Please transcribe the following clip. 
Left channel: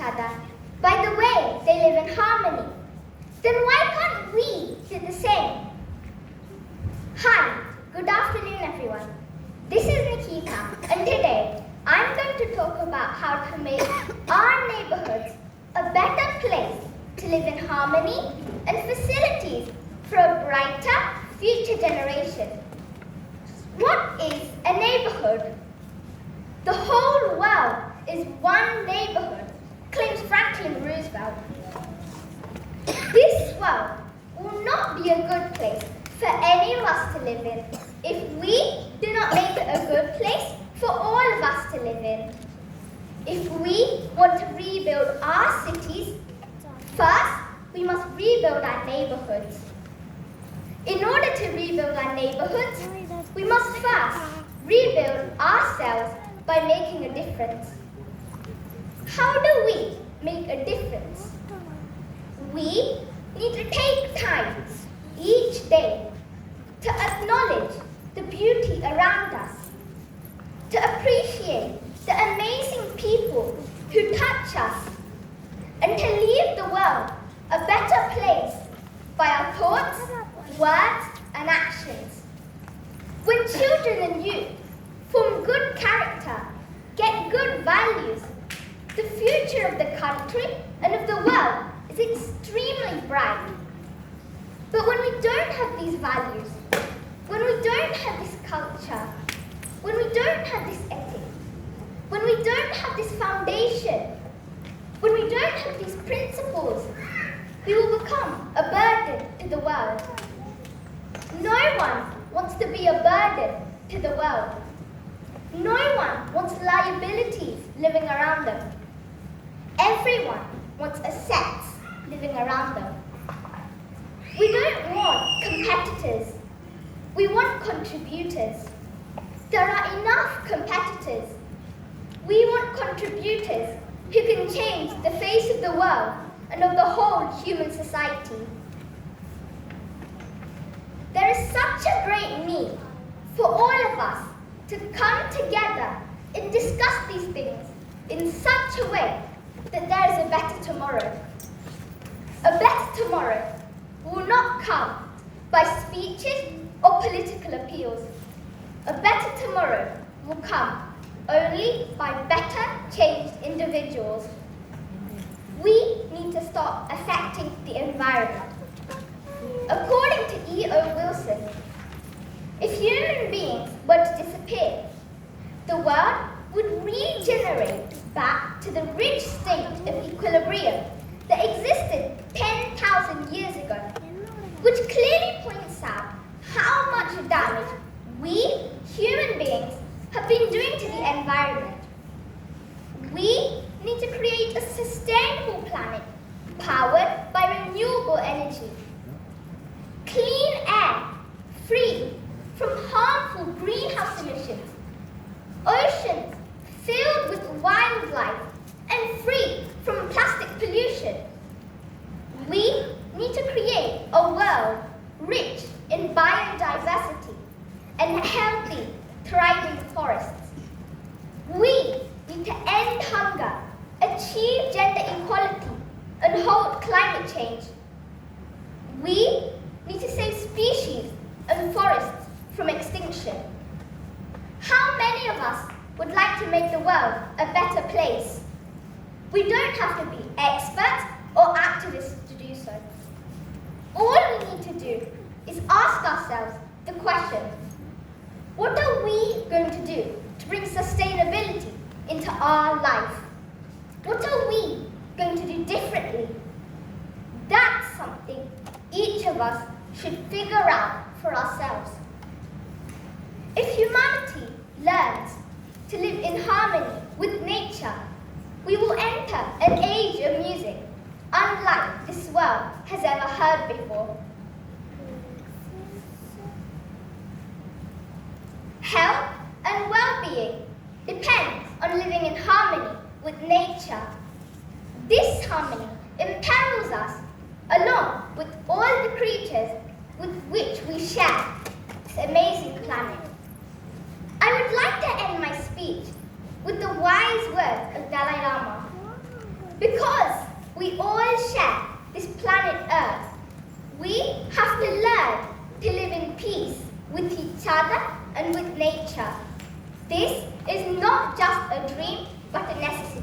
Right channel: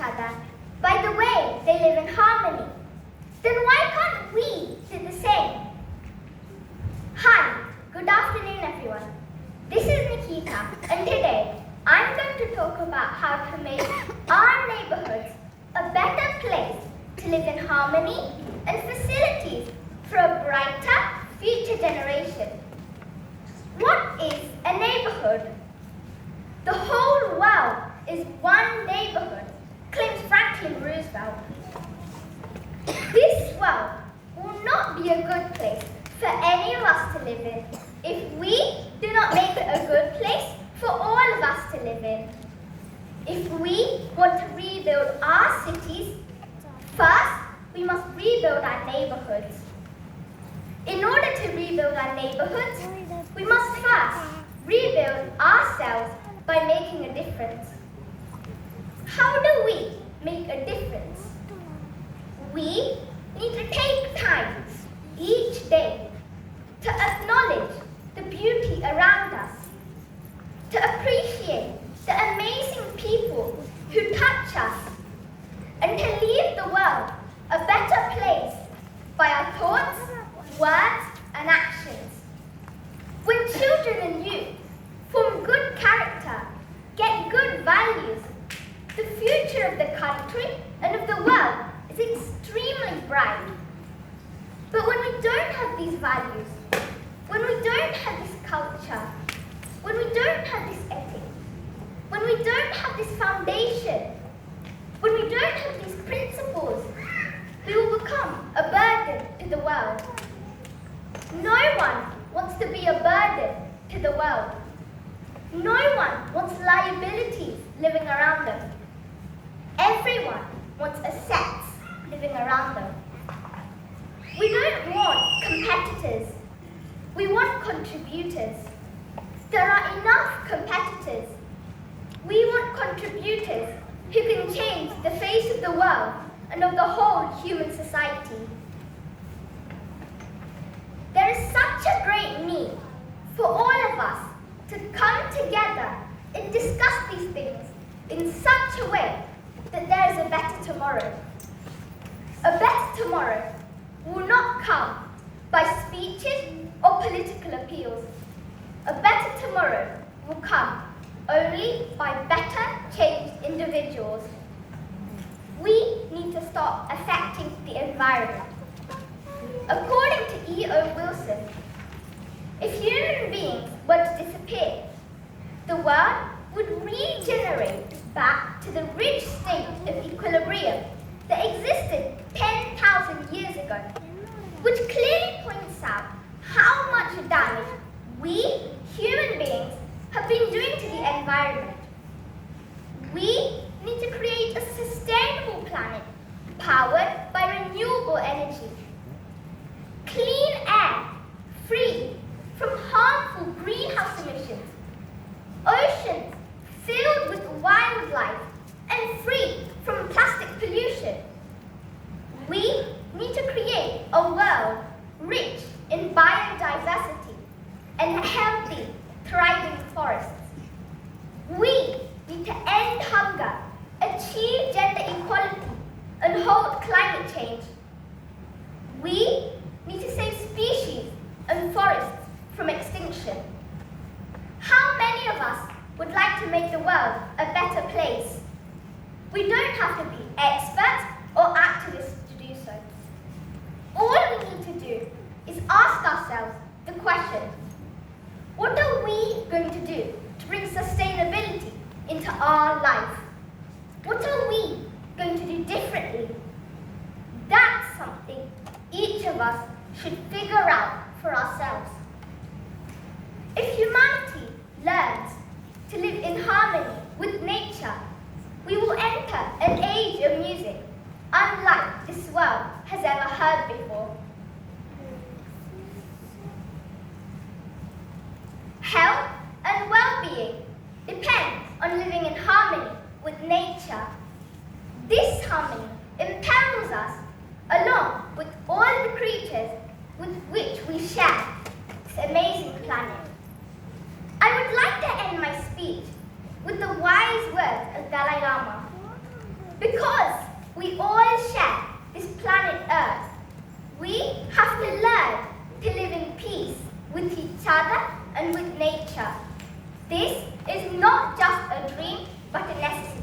other by the way they live in harmony, then why can't we do the same? Hi, good afternoon everyone. This is Nikhitha, and today I'm going to talk about how to make our neighborhoods a better place to live in harmony and facilities for a brighter future generation. What is a neighborhood? The whole world is one neighborhood, claims Franklin Roosevelt. This world will not be a good place for any of us to live in if we do not make it a good place for all of us to live in. If we want to rebuild our cities, first we must rebuild our neighborhoods. In order to rebuild our neighborhoods, we must first rebuild ourselves by making a difference. How do we make a difference? We need to take time each day to acknowledge the beauty around us, to appreciate the amazing people who touch us, and to leave the world a better place by our thoughts, words, and actions. When children and youth form good character, get good values, the future of the country and of the world is extremely bright. But when we don't have these values, when we don't have this culture, when we don't have this ethic, when we don't have this foundation, when we don't have these principles, we will become a burden to the world. No one wants to be a burden to the world. No one wants liabilities living around them. Everyone wants assets living around them. We don't want competitors. We want contributors. There are enough competitors. We want contributors who can change the face of the world and of the whole human society. There is such a great need for all of us to come together and discuss these things in such a way that there is a better tomorrow. A better tomorrow will not come by speeches or political appeals. A better tomorrow will come only by better changed individuals. We need to stop affecting the environment. According to E.O. Wilson, if human beings were to disappear, the world would regenerate back to the rich state of equilibrium that existed 10,000 years ago, which clearly points out how much damage we, human beings, have been doing to the environment. We need to create a sustainable planet powered by renewable energy. Clean air, free from harmful greenhouse emissions. Oceans filled with wildlife and free from plastic pollution. We need to create a world rich in biodiversity and healthy, thriving forests. We need to end hunger, achieve gender equality, and halt climate change. We need to save species and forests from extinction. How many of us would like to make the world a better place? We don't have to be experts or activists to do so. All we need to do is ask ourselves the question, what are we going to do to bring sustainability into our life? What are we going to do differently? That's something each of us should figure out for ourselves. If humanity learns to live in harmony with nature, we will enter an age of music unlike this world has ever heard before. Health and well-being depend on living in harmony with nature. This harmony imperils us along with all the creatures with which we share this amazing planet. I would like to end my speech with the wise words of Dalai Lama. Because we all share this planet Earth, we have to learn to live in peace with each other and with nature. This is not just a dream, but a necessity.